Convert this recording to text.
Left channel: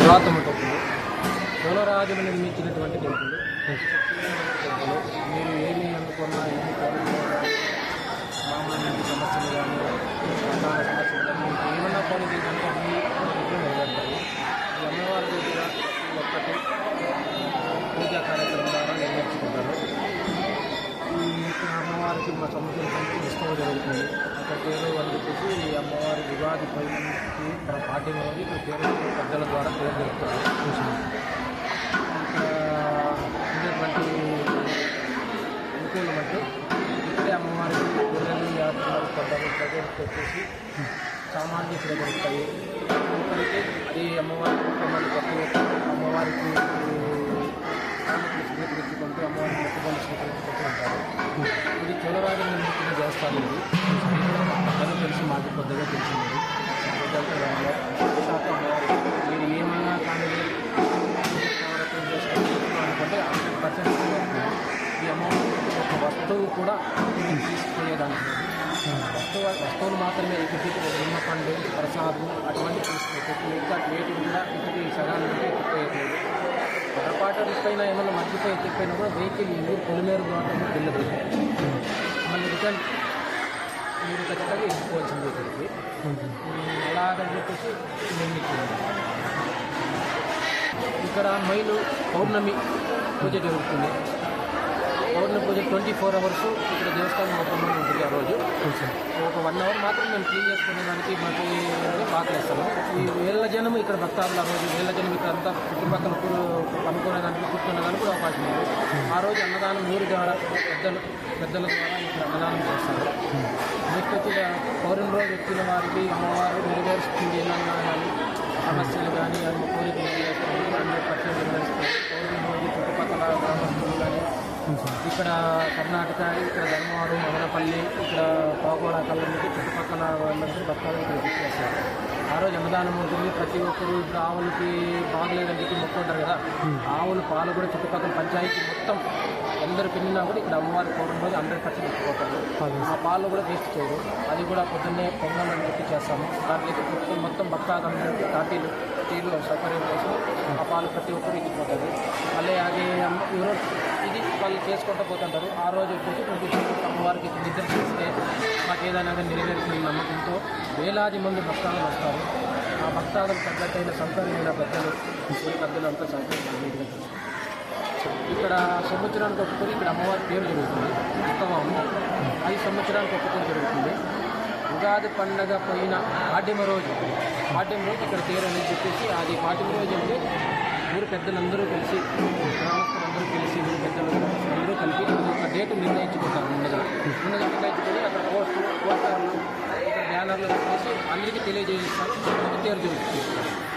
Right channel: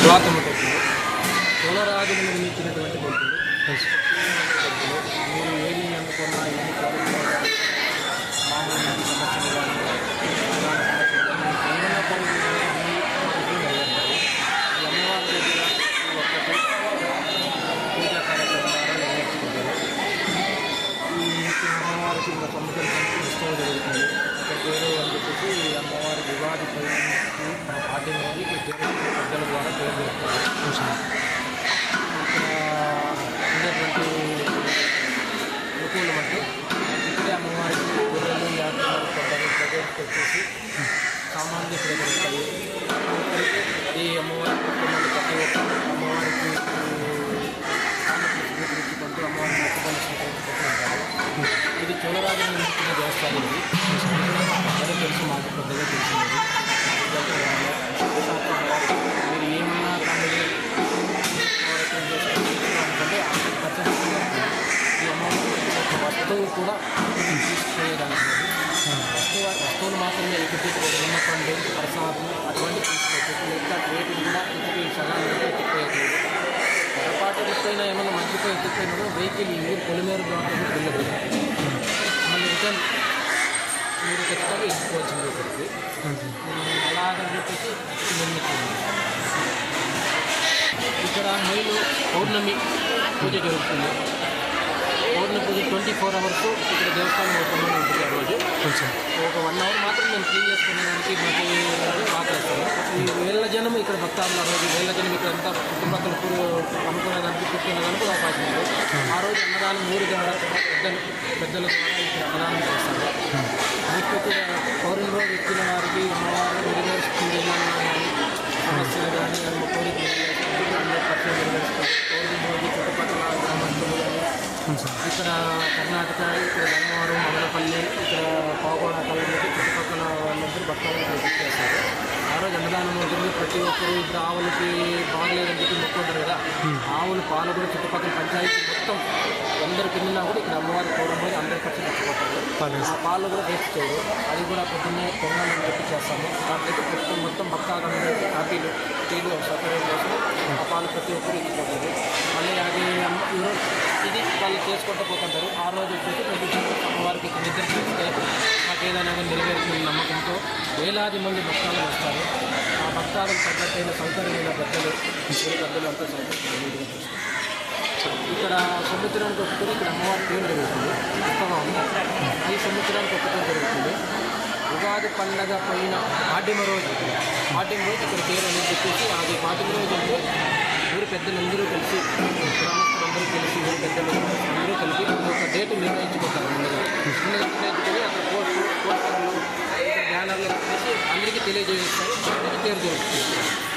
తర్వాత ఉంటుంది కులరాజులు నిర్మించినటువంటి కొడుకులు కొడుకులు మీరు ఏమి అందుకున్నా ఏమి కోరుకున్నా ఇంకా సముద్రం ఉత్సవం జరుగుతుంది అక్కడ పేరు అని చెప్పేసి అమ్మవారి ఉగాది పైకి తన పాఠ్యం అనేది ఇక్కడ పెద్దల ద్వారా పేరు జరుగుతుంది ఉండేటువంటి అనుకూలం అంటే ఇక్కడే అమ్మవారికి పిల్లలు యాత్రలు కొండలు ప్రజలకు వచ్చేసి సామాన్లు ఇక్కడ దొరుకుతాయి ఇక్కడికి ఈ అమ్మవారి కుటుంబాలు ప్రతి ఒక్క అమ్మవారికి స్వీకరించుకుంటూ అమ్మవారికి మొక్కుబడులు స్వీకరించుకుంటూ ఉంటారు ఇది చోళరాజు నుండి దేవస్థానం అందరూ తెలుసు మాకు కొద్దిగా తెలిసింది మీరు. ఏమన్నా కానీ నవరత్నం ఈ అమౌంట్ ఒక వస్తువు కూడా తీసుకునేదానికి వస్తువు వస్తువులు మాత్రమే ఇక్కడికి ఉన్న పండు ప్రసాదం అటువంటి తీసుకోవచ్చు. మిగతా రేటు కూడా ఇంటికి సగానికి కూడా ఎత్తిపోయట్లేదు. పొరపాటు ఎత్తుపోయినా ఏమైనా మర్చిపోయి ఎత్తిపోయినా కూడా వెహికల్ ఇవి పొలిమేరు ద్వారా వెళ్ళదు మళ్ళీ రిటర్న్ ఖచ్చితంగా ఎత్తుకోవాల్సింది ఇక్కడికి అలాగని చెప్పేసి నిర్మించింది ఇక్కడ మైలు పౌర్ణమి పూజ జరుగుతుంది. పౌర్ణమి పూజ ట్వంటీ ఫోర్ అవర్స్ ఇక్కడ దేవస్థానం ఓపెన్లో ఉంటుంది ఆ రోజు. ఒక వన్ అవర్ మాత్రం మేము క్లీన్ చేసుకునేదానికి మాకు పాటలేస్తాము ఈ వేల జనం ఇక్కడ భక్తాలు ఆ రోజు వేళ్ళ జనం ఇక్కడ అంతా చుట్టుపక్కల కూర అనుకునేదానికి కూర్చునేదానికి కూడా అవకాశం ఉంది. ఆ రోజు అన్నదానం ఊరి ద్వారా పెద్దలు పెద్దల ద్వారా ఇక్కడ అన్నదానం చేస్తారు. నెక్స్ట్ వచ్చి పౌర్ణమి రోజు వచ్చిన వారికి అమ్మవారు నెరవేరుస్తుంది కానీ సమస్యలు కానీ అవి కోరికలు అందరూ పర్సెంట్ నెరవేరుస్తుంది పౌర్ణమి రోజు చుట్టుపక్కల గ్రామస్తులు కానీ ఇక్కడ కర్ణాటక ఇక్కడ ధర్మవరం మదనపల్లి ఇక్కడ పాకోడ కళ్ళకి చుట్టుపక్కల వాళ్ళందరూ భక్తులు ఇక్కడ చేస్తారు ఆ రోజు అన్నదానం ఉంటుంది ప్రతి ఒక్కరు ఇప్పుడు ఆవులకి బాగలేదని చెప్పి మొక్కుంటారు కదా. ఆవులు పాలు కూడా చుట్టుపక్కల పంచాయతీ మొత్తం అందరు తిన్నా కూడా ఇక్కడ అమ్మవారి రోజు హండ్రెడ్ పర్సెంట్ ఇచ్చిపోతారు ఆ పాలు కూడా వేస్ట్ చేయరు అది కూడా పొద్దున్నే పొంగల్ చెప్పి చేస్తాము. దాంట్లో మొత్తం మొత్తం భక్తాదందరికీ కాఫీలు టీలు సపరేట్ కోసం ఆ పాలు ప్రతి ఒక్కరు ఇచ్చిపోతుంది మళ్ళీ అది ఈరోజు ఇది వాళ్ళు చేసుకుంటూ పోతుంటారు. ఆ రోజు వచ్చేసి ట్వంటీ అమ్మవారికి నిద్ర చేస్తే మాకు ఏదైనా నెరవేరుతుంది నమ్మకంతో వేలాది మంది భక్తాలు వస్తారు. ఆ భక్తాలకు తగ్గట్టైన సౌకర్యమైన పెద్దలు ఊరి పెద్దలు అంతా సౌకర్యం ఇక్కడ సంవత్సరానికి ఒక్కటి ఇక్కడ అమ్మవారి పేరు జరుగుతుంది. ఉత్సవం ఉంది. ఐదు సంవత్సరానికి ఒక్కటి జరుగుతుంది. ఉగాది పండగ పోయిన పాడ్యమ రోజు. పాడ్యమ రోజు ఇక్కడ పేరు అని చెప్పేసి అది పాడ్యమ రోజు అంటే ఊరు పెద్దలందరూ కలిసి గ్రామస్తులందరూ కలిసి ఊరు పెద్దలు అందరూ కలిసి ఒక డేట్ నిర్ణయించుకుంటారు ముందుగా ముందుగా నిర్ణయించుకొని అక్కడ పోస్టు పోస్టర్లు బ్యానర్లు పెట్టేసి అందరికీ తెలియజేస్తారు. అందరికీ పేరు జరుగుతుంది.